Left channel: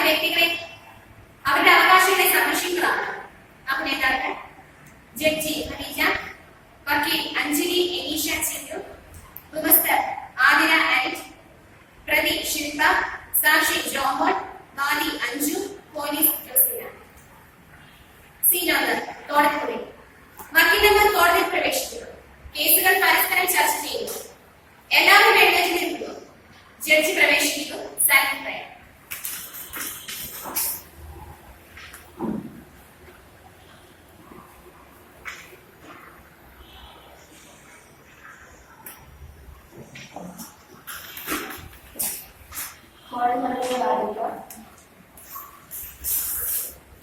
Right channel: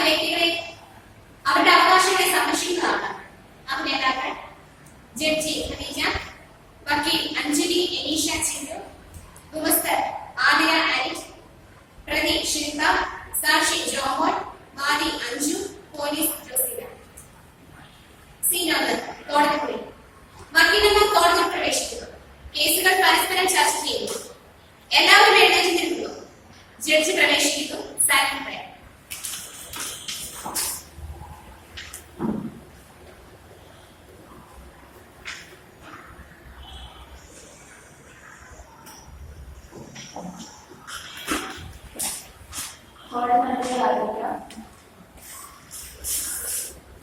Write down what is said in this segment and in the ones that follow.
അത് വ്യക്തികളെ അവരുടെ അവകാശങ്ങളെ സംരക്ഷിക്കുന്നതാണ്. അഭിനേതാക്കൾ ജഡ്ജി ഖദീജ, വക്കീൽ അഞ്ജലി എനീഷ ചിന്നു, ഗുമസ്തർ ആതിര ആരിഫ്, പ്രതി ശിൽപ, സാക്ഷി ജോമോൾ, വാദി അഞ്ജു, പോലീസ് ജോസിന. സീനോദർ കോടതി മുറി. വക്കീലന്മാർ കോടതിയിൽ പ്രവേശിക്കുന്നു. കേസുകൾ പരസ്പരം ചർച്ച ചെയ്യുന്നു. എല്ലാവരും എഴുന്നേറ്റ് നിൽക്കുന്നു. ജഡ്ജി പ്രവേശിക്കുന്നു. Silent prayer.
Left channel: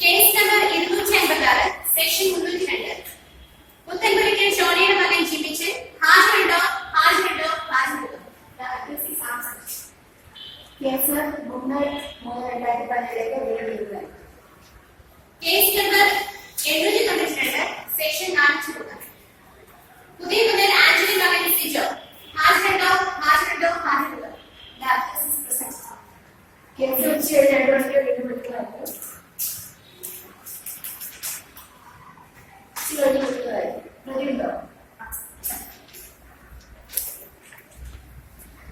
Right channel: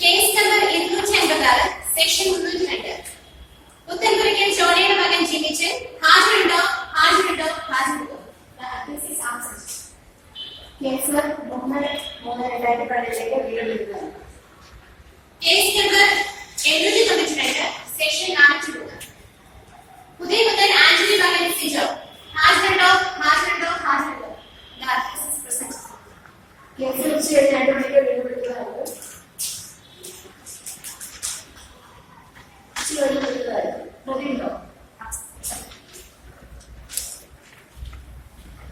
Case number 256 section 302. Puthenpurakkal ജോളിയുടെ മകൻ ജിമിച്ചൻ ഹാജരുണ്ടോ? ഹാജരുണ്ടോ? ഹാജരുണ്ടോ? കേസ് 3/3/2017 വീണ്ടും. Case number 792 section 403. പുതിയ മുതൽ ആന്റണി മകൻ സിജോ ഹാജരുണ്ടോ? ഹാജരുണ്ടോ? ഹാജരുണ്ടോ? കേസ് ഉച്ചകഴിഞ്ഞ് 2 മണിക്ക് വീണ്ടും വിളിക്കുന്നതായിരുന്നു. പ്രതിയുണ്ടോ?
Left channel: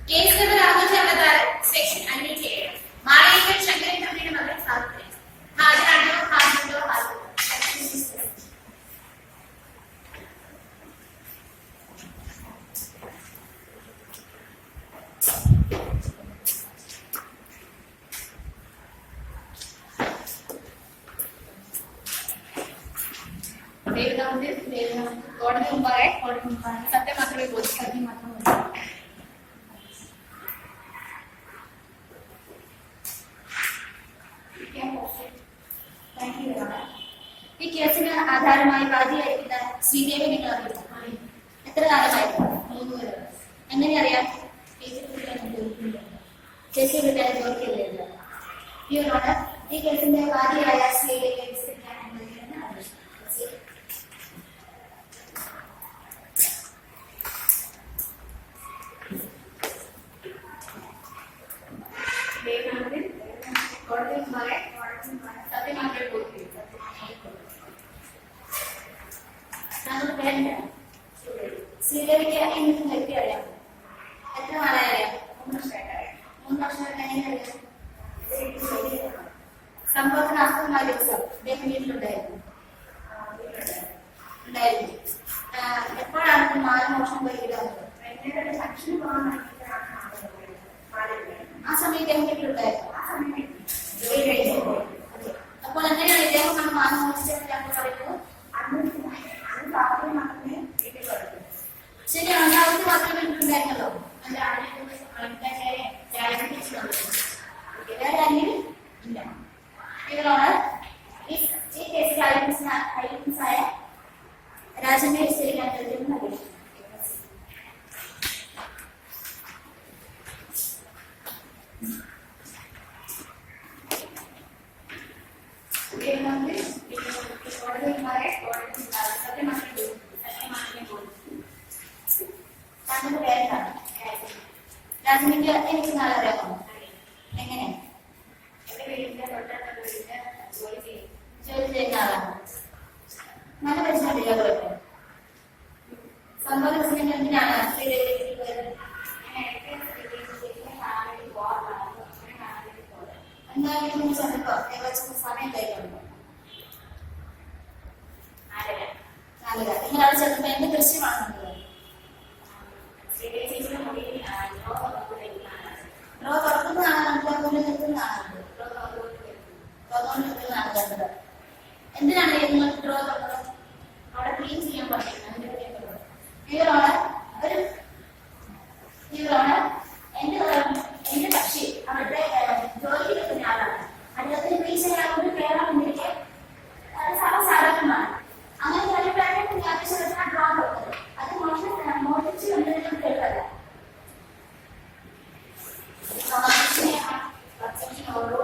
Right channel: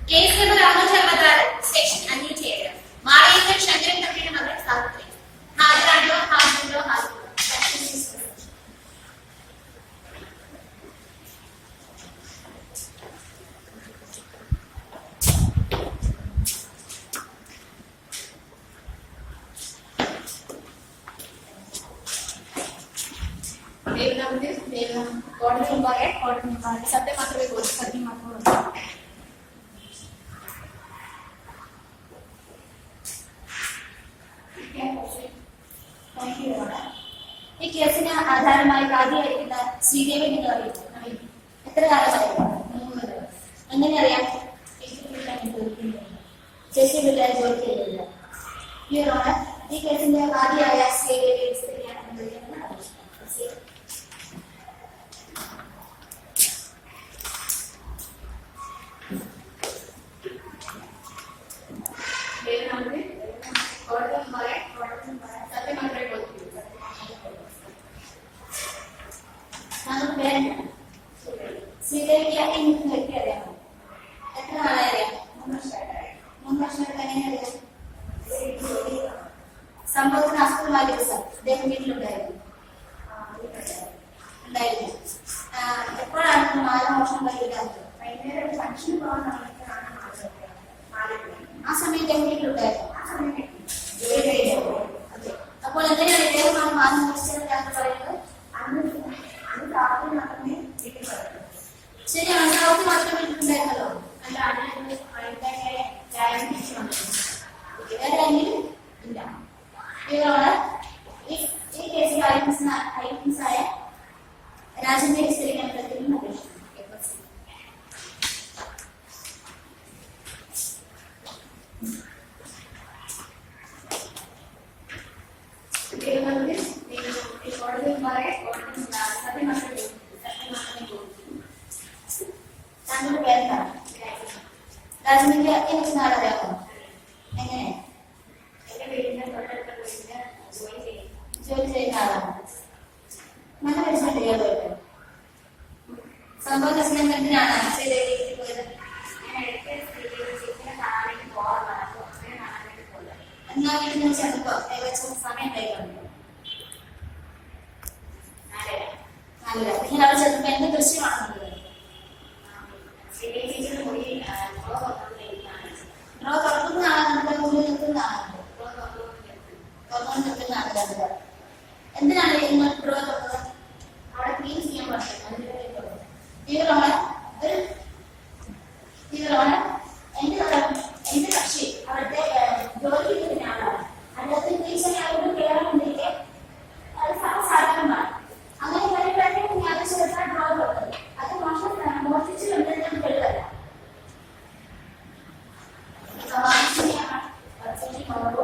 Case number 666 section 507 Malekkal Sankaran തമ്പിയുടെ മകൾ സാവിത്രി ഹാജരാണോ? ഹാജരുണ്ടോ? ഹാജരുണ്ടോ? കോടതി മുമ്പാകെ സത്യം മാത്രമേ ബോധിക്കും. ഈ കേസിന് ആധാരമായി വാദിയായിരിക്കുന്ന ശ്രീദേവി നിങ്ങൾ അറിയുമോ? എത്ര കാലമായിരുന്നു? 3 കൊല്ലം. എങ്ങനെ അറിയാം? ചേച്ചി വീട്ടുകാർ ജോലിക്കില്ല. ഈ കേസിന്റെ വാദിയായ ശ്രീദേവി ശ്രീദേവിക്ക് എനിക്ക് വ്യക്തി അറിയാമോ? എത്ര നാളായി അറിയാം? 3 വർഷമായിട്ട്. എങ്ങനെ അറിയാം? സംഭവത്തിന് അസ്തമായ ദിവസം അദ്ദേഹം വീട്ടിലുണ്ടായിരുന്നു. എപ്പോഴാണ് മാലമോഷണം വൈകിടാറുണ്ട്? ആ സമയം ഇദ്ദേഹം വീട്ടിലുണ്ടായിരുന്നു. ജോലി കഴിഞ്ഞു. അതെ. അപ്പോൾ എങ്ങനെയാണ് ഇദ്ദേഹമാണ് മാല മോഷിച്ചതെന്ന് ഞങ്ങൾ പറയുന്നത്? ശരിയാണ്, സാവത്ത് മാത്രമേ വീട്ടിലുണ്ടായിരുന്നല്ലോ. അല്ല, വേറെ ആരെങ്കിലും ഇല്ല. ഈ കേസിൽ ഐറ്റംസായ രാജന്റെ വിസ്തരിക്കാൻ പറ്റുന്ന അപേക്ഷിക്കുന്നു. താങ്കളുടെ പേരെന്താണ്? രാജമിക്ക് എനിക്ക് നാളെ അറിയാമോ? എങ്ങനെ? ജോലി ചെയ്യുന്ന ആളാണ്. നല്ല പരിശ്രമിക്കാതെ സംഭവ എന്തിനാണ് ശ്രീദേവി പോയത്? എന്നാൽ വീട്ടിൽ ചെന്നപ്പോ ഏകദേശം സമയം കൈകളുണ്ട്. 4:30. നിങ്ങൾ അവിടെ ചെന്നപ്പോ എന്ത് ദൃശ്യമാണ് കണ്ടത്? ഡ്രോ തുറക്കുന്നതാണ് കണ്ടത്? മുന്നിൽ നിൽക്കുന്നതാണ് തുറന്നുകൊണ്ട് നിൽക്കുന്നതാണ് കണ്ടത്. എന്തിനാണ് നിങ്ങൾ ഡ്രോ തുറന്നത്? അവിടെ ക്ലീൻ ചെയ്യാൻ പറ്റും. എന്റെ കക്ഷി അവിടുത്തെ ജോലിക്ക് നിൽക്കുന്ന ആളാണ്. അദ്ദേഹത്തിന് ക്ലീൻ ചെയ്യാൻ കേരളം ഇന്ത്യക്ക് സാധാരണമാണ്. അങ്ങനെ കാര്യങ്ങളൊക്കെ ആവശ്യപ്പെട്ടാണ് ഡ്രോ തുറന്നത്. അത് മോഷ്ടിച്ചു കണ്ടതിനും തെളിവല്ല. ഓരോ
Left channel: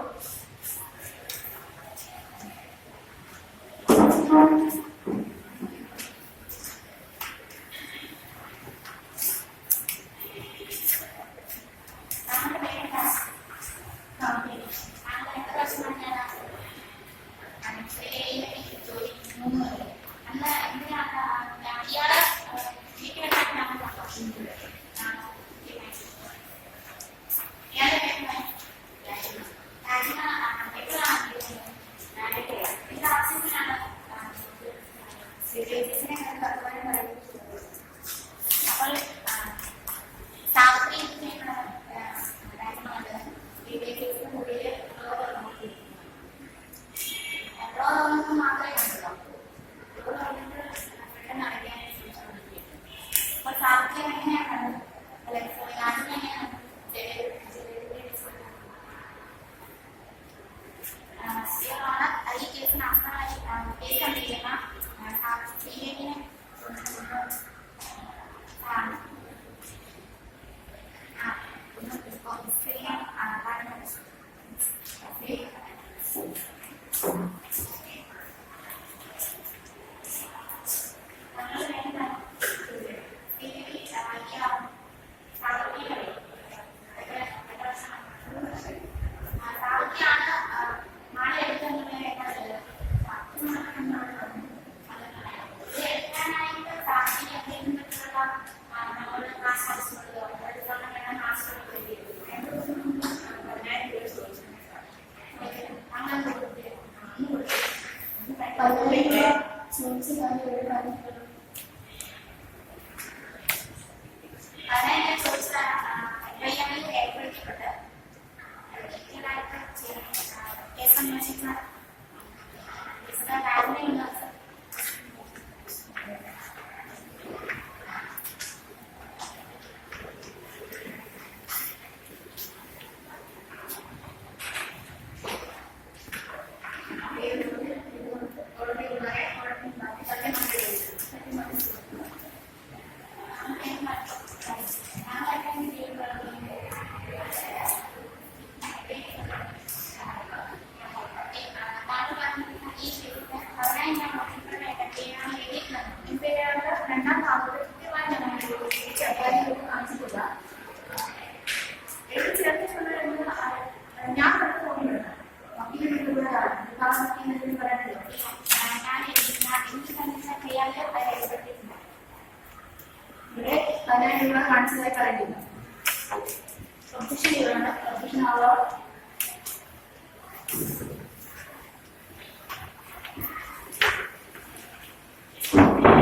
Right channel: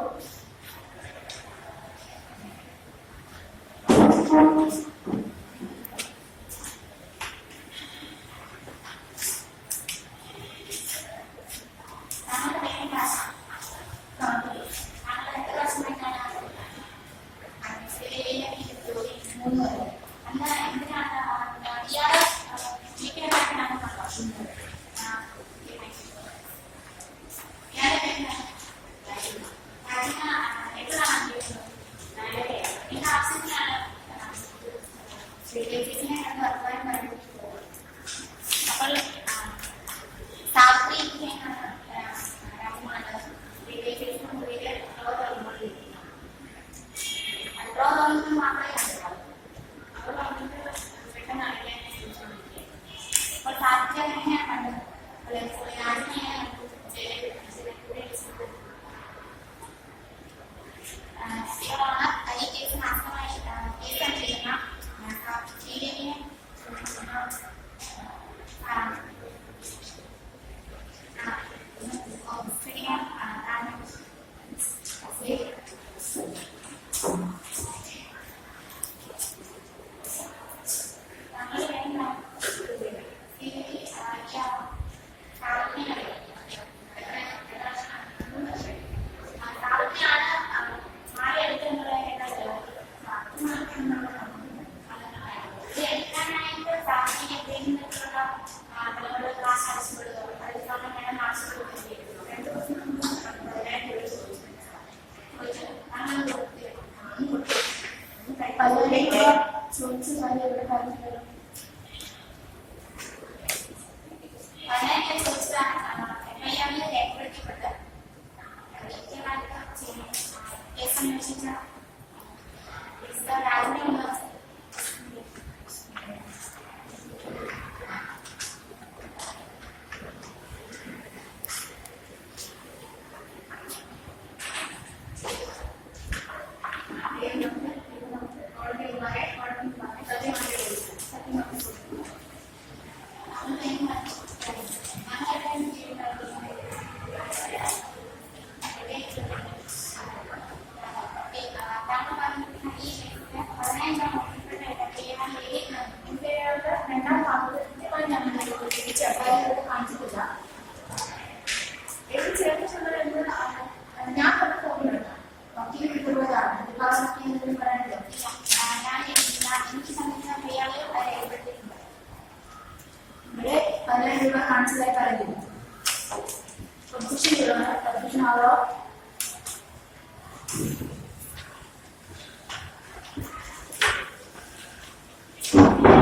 Honor, Petition Our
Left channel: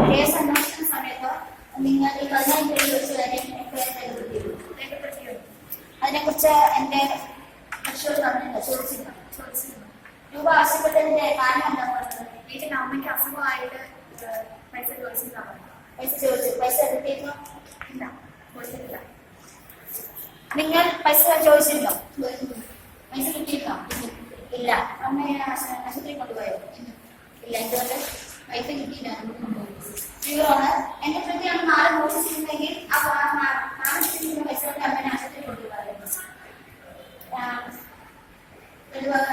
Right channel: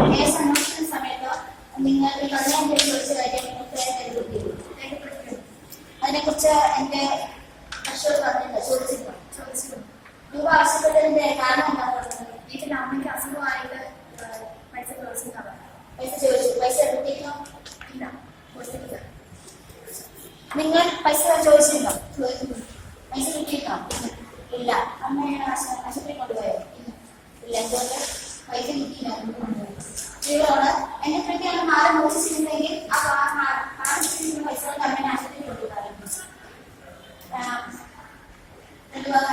കേസ് അന്വേഷണ സമയത്ത് നിങ്ങൾ ഈ 15 പേര് ചോദിച്ച കാര്യം രേഖപ്പെടുത്തിയിരുന്നു. അതിനെക്കുറിച്ച് എന്റെ കക്ഷിയോട് പറഞ്ഞില്ല, ചോദിച്ചിരുന്നു. രൂപ ആവശ്യപ്പെട്ടതിന്റെ കാരണം എന്താ പറഞ്ഞത്? വീട്ടിൽ അമ്മയ്ക്ക് അസുഖമായിട്ട് പൈസ ചോദിച്ചതാണ്. പൈസ ചോദിച്ചു. പൈസ എടുത്തിരുന്നോ? ഇല്ല, കൊടുത്തിട്ടില്ല. നിങ്ങൾ പൈസ ചോദിച്ചിരുന്നോ? പൈസ കിട്ടിയിരുന്നോ? ഇല്ല. അമ്മയെ ആശുപത്രി കൊണ്ടുപോയോ? ഇല്ല. എന്തുകൊണ്ട്? പൈസ കിട്ടിയില്ല. യുവർ എന്റെ പ്രതി അന്ന് മാറി മോഷിച്ചിരുന്നെങ്കിൽ ആ മാറിച്ചിരുന്ന പൈസ കൊണ്ട് അമ്മയെ ആശുപത്രി കൊണ്ടുപോകാറുണ്ട്.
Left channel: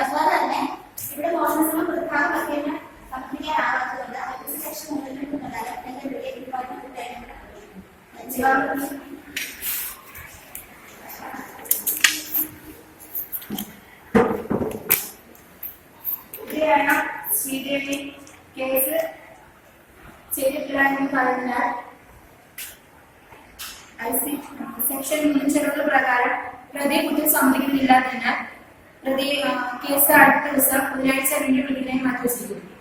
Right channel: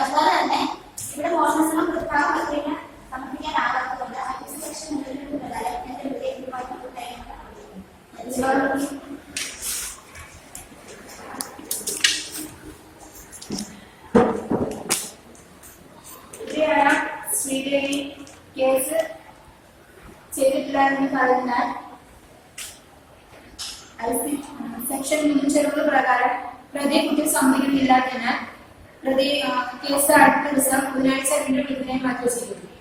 അതുപോലെ തന്നെ ഇവിടെ മോഷണശ്രമം പ്രതിഭാഗത്തിന് സമർപ്പിക്കാനാകാത്തതുകൊണ്ട് മറ്റ് സെക്ഷൻ മുതലെടുപ്പ് പ്രകാരം എന്റെ ഡിപ്പാർട്ട്മെന്റ് ശ്രീദേവി കേസ് ചെയ്തിട്ടില്ല എന്ന് പറഞ്ഞാൽ സെക്ഷൻ 360 പ്രകാരം പ്രതി കുറ്റം സമ്മതിക്കുന്നില്ലാത്തതിനാൽ പ്രതി കേസ് അടുത്ത ദിവസം ബുധനാഴ്ച വീണ്ടും വിധിനായി മാറ്റി വെച്ചിരിക്കുന്നു.